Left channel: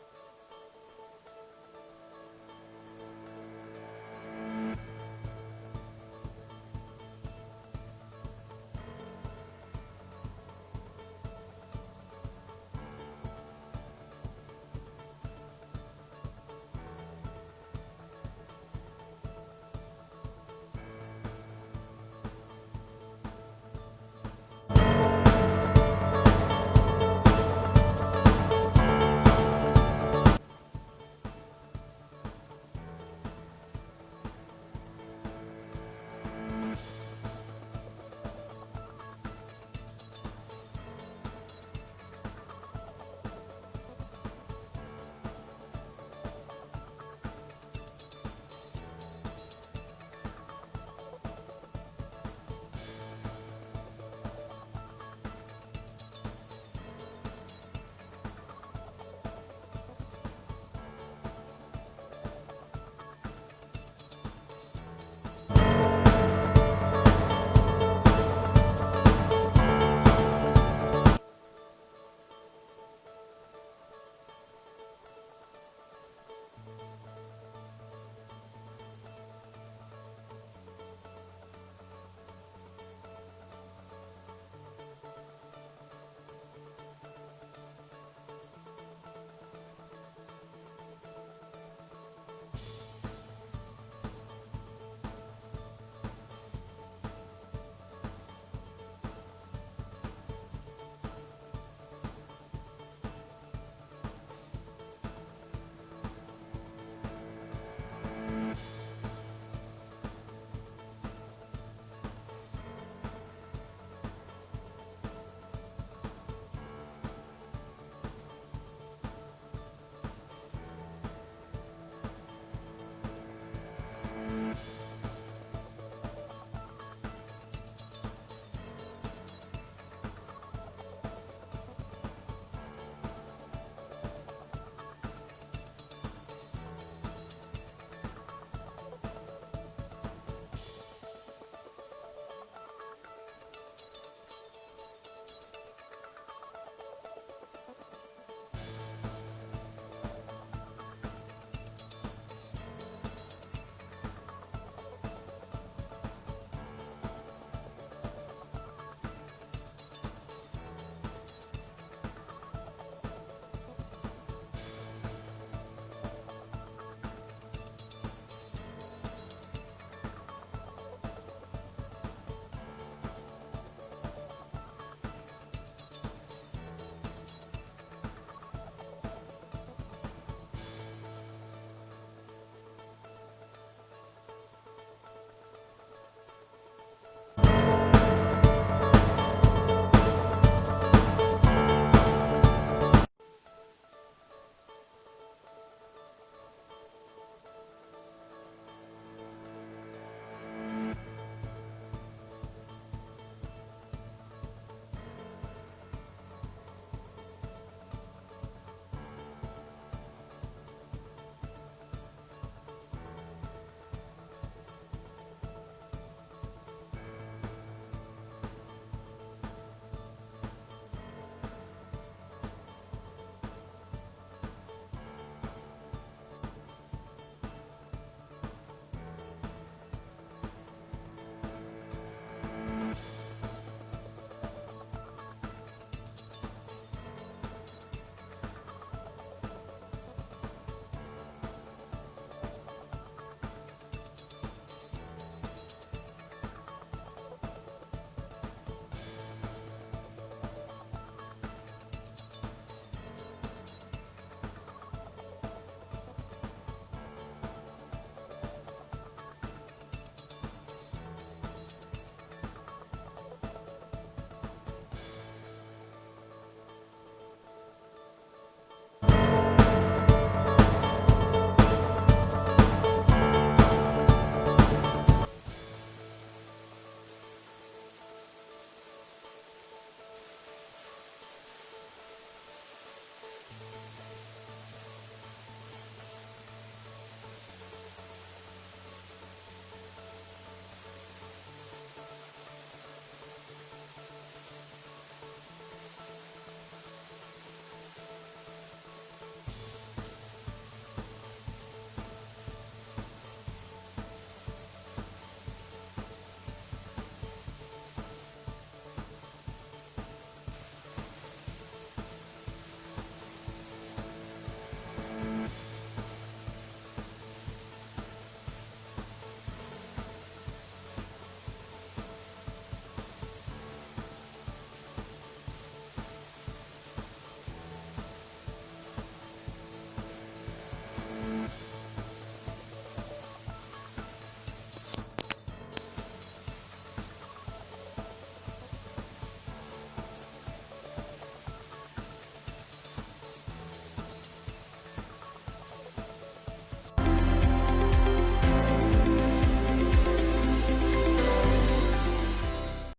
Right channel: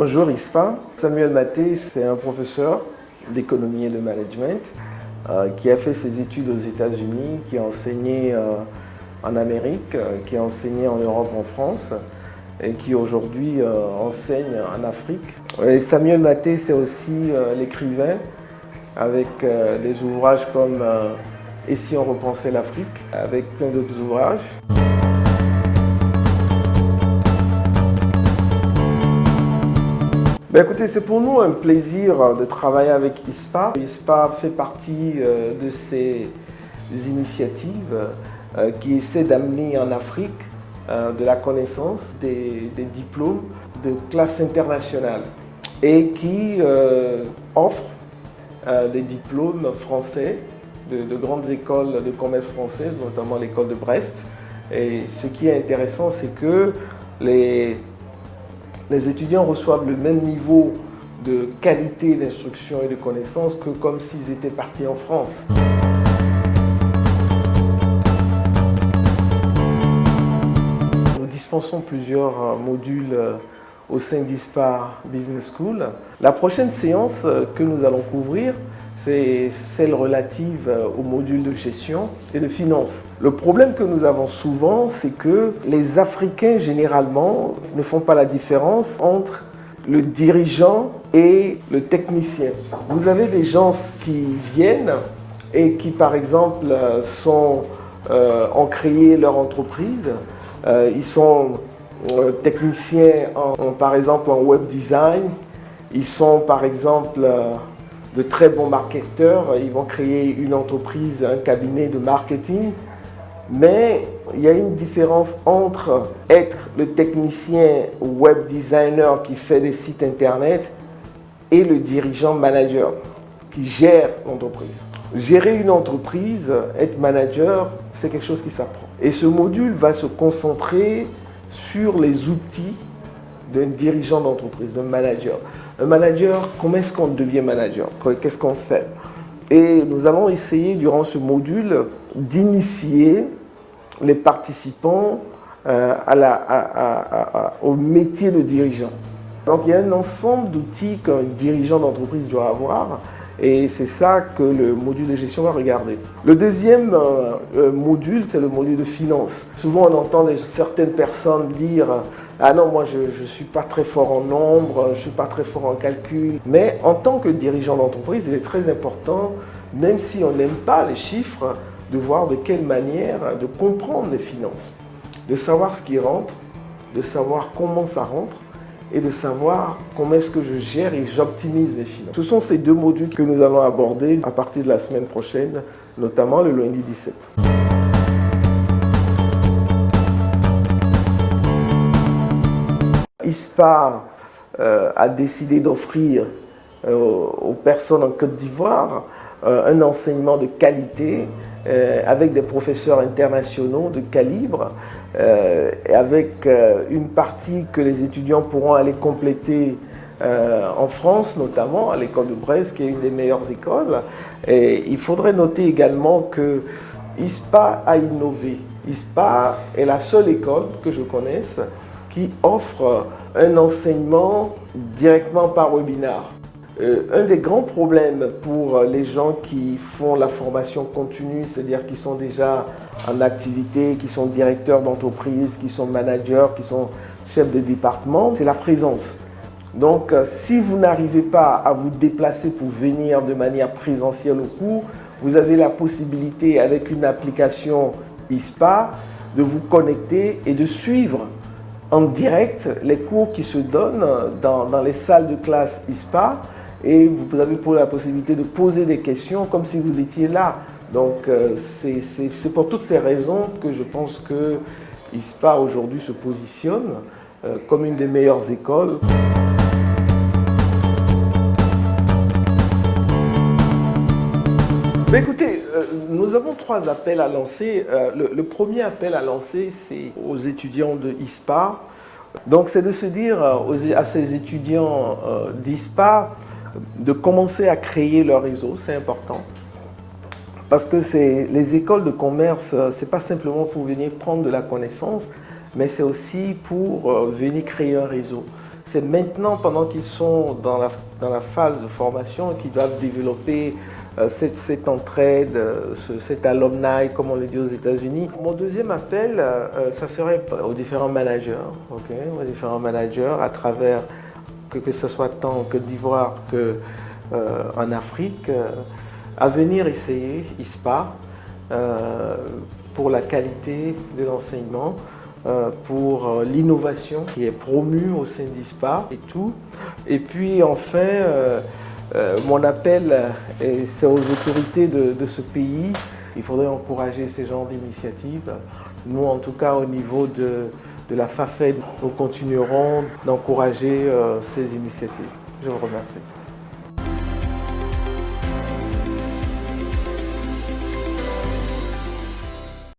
Bonjour ISPA, Samuel Maté, c'est un professeur d'économie et de management qui a fait ses études aux États-Unis, qui a enseigné en Amérique, qui a enseigné en Europe, en France et qui aujourd'hui enseigne en Afrique. Et Samuel Maté, c'est aussi l'écrivain avec des ouvrages comme Et si on repensait l'Afrique, avec plein d'autres ouvrages. Écoutez, c'est pour nous un plaisir de travailler avec ISPA. ISPA fait partie de ces initiatives qui essaient d'amener en Afrique de la connaissance, des diplômes de classe internationale et qui offre des diplômes français de grandes écoles de commerce françaises, notamment l'école de Brest. Et ce qui est intéressant, c'est que les étudiants reçoivent le même niveau de qualité d'instruction et de connaissances que comme s'ils étaient partis en France. Nous dispensons plusieurs modules au sein d'ISPA Business School. La prochaine séance que nous allons couvrir, c'est celle relative au module de gestion et de finance. Le problème que nous avons souvent, c'est que les Africains, généralement, ne font pas la différence entre le dirigeant et le technicien. Vous avez des gens qui viennent et qui, par exemple, ont créé leur entreprise. Ils sont techniciens, par exemple, en web design. Ils sont, par exemple, de très bons marketeurs, ils vont créer une entreprise, un cabinet de marketing. Mais il y a une différence entre être le technicien web designer qui fait des sites internet et le dirigeant manager qui gère l'entreprise. Gérer une entreprise, être manager, c'est quelque chose qui s'apprend. Et ce module va se concentrer sur les outils d'un dirigeant d'entreprise, d'un manager. Un manager, comment est-ce qu'on devient manager? Qu'est-ce qu'on fait? Et nous allons essayer durant ce module d'initier les participants au métier de dirigeant. Donc il y a un ensemble d'outils qu'un dirigeant d'entreprise doit avoir et c'est ça que le module de gestion va regarder. Le deuxième module, c'est le module de finance. Souvent on entend certaines personnes dire « Ah non, moi je ne suis pas très fort en nombres, je ne suis pas très fort en calcul. » Mais en tant que dirigeant d'entreprise, il est très important, même si on n'aime pas les chiffres, de voir de quelle manière, de comprendre les finances, de savoir ce qui rentre, de savoir comment ça rentre et de savoir comment est-ce que je gère et j'optimise mes finances. Ce sont ces deux modules que nous allons aborder à partir de la semaine prochaine, notamment le lundi 17. ISPA a décidé d'offrir aux personnes en Côte d'Ivoire un enseignement de qualité avec des professeurs internationaux de calibre et avec une partie que les étudiants pourront aller compléter en France, notamment à l'école de Brest, qui est une des meilleures écoles. Et il faudrait noter également que ISPA a innové. ISPA est la seule école que je connaisse qui offre un enseignement directement par webinar. Un des grands problèmes pour les gens qui font la formation continue, c'est-à-dire qui sont déjà en activité, qui sont directeurs d'entreprise, qui sont managers, qui sont chefs de département, c'est la présence. Donc, si vous n'arrivez pas à vous déplacer pour venir de manière présentielle au cours, vous avez la possibilité, avec une application ISPA, de vous connecter et de suivre en direct les cours qui se donnent dans les salles de classe ISPA. Et vous avez la possibilité de poser des questions comme si vous étiez là. Donc c'est pour toutes ces raisons que je pense que ISPA aujourd'hui se positionne comme une des meilleures écoles. Mais écoutez, nous avons 3 appels à lancer. Le premier appel à lancer, c'est aux étudiants de ISPA. Donc c'est de se dire à ces étudiants d'ISPA de commencer à créer leur réseau, c'est important. Parce que les écoles de commerce, ce n'est pas simplement pour venir prendre de la connaissance, mais c'est aussi pour venir créer un réseau. C'est maintenant, pendant qu'ils sont dans la phase de formation, qu'ils doivent développer cette entraide, cet alumni, comme on le dit aux États-Unis. Mon deuxième appel, ça serait aux différents managers, aux différents managers à travers, que ce soit tant en Côte d'Ivoire qu'en Afrique, à venir essayer ISPA pour la qualité de l'enseignement, pour l'innovation qui est promue au sein d'ISPA et tout. Et puis enfin, mon appel, c'est aux autorités de ce pays. Il faudrait encourager ces genres d'initiatives. Nous, en tout cas, au niveau de la FAFED, nous continuerons d'encourager ces initiatives. Je vous remercie.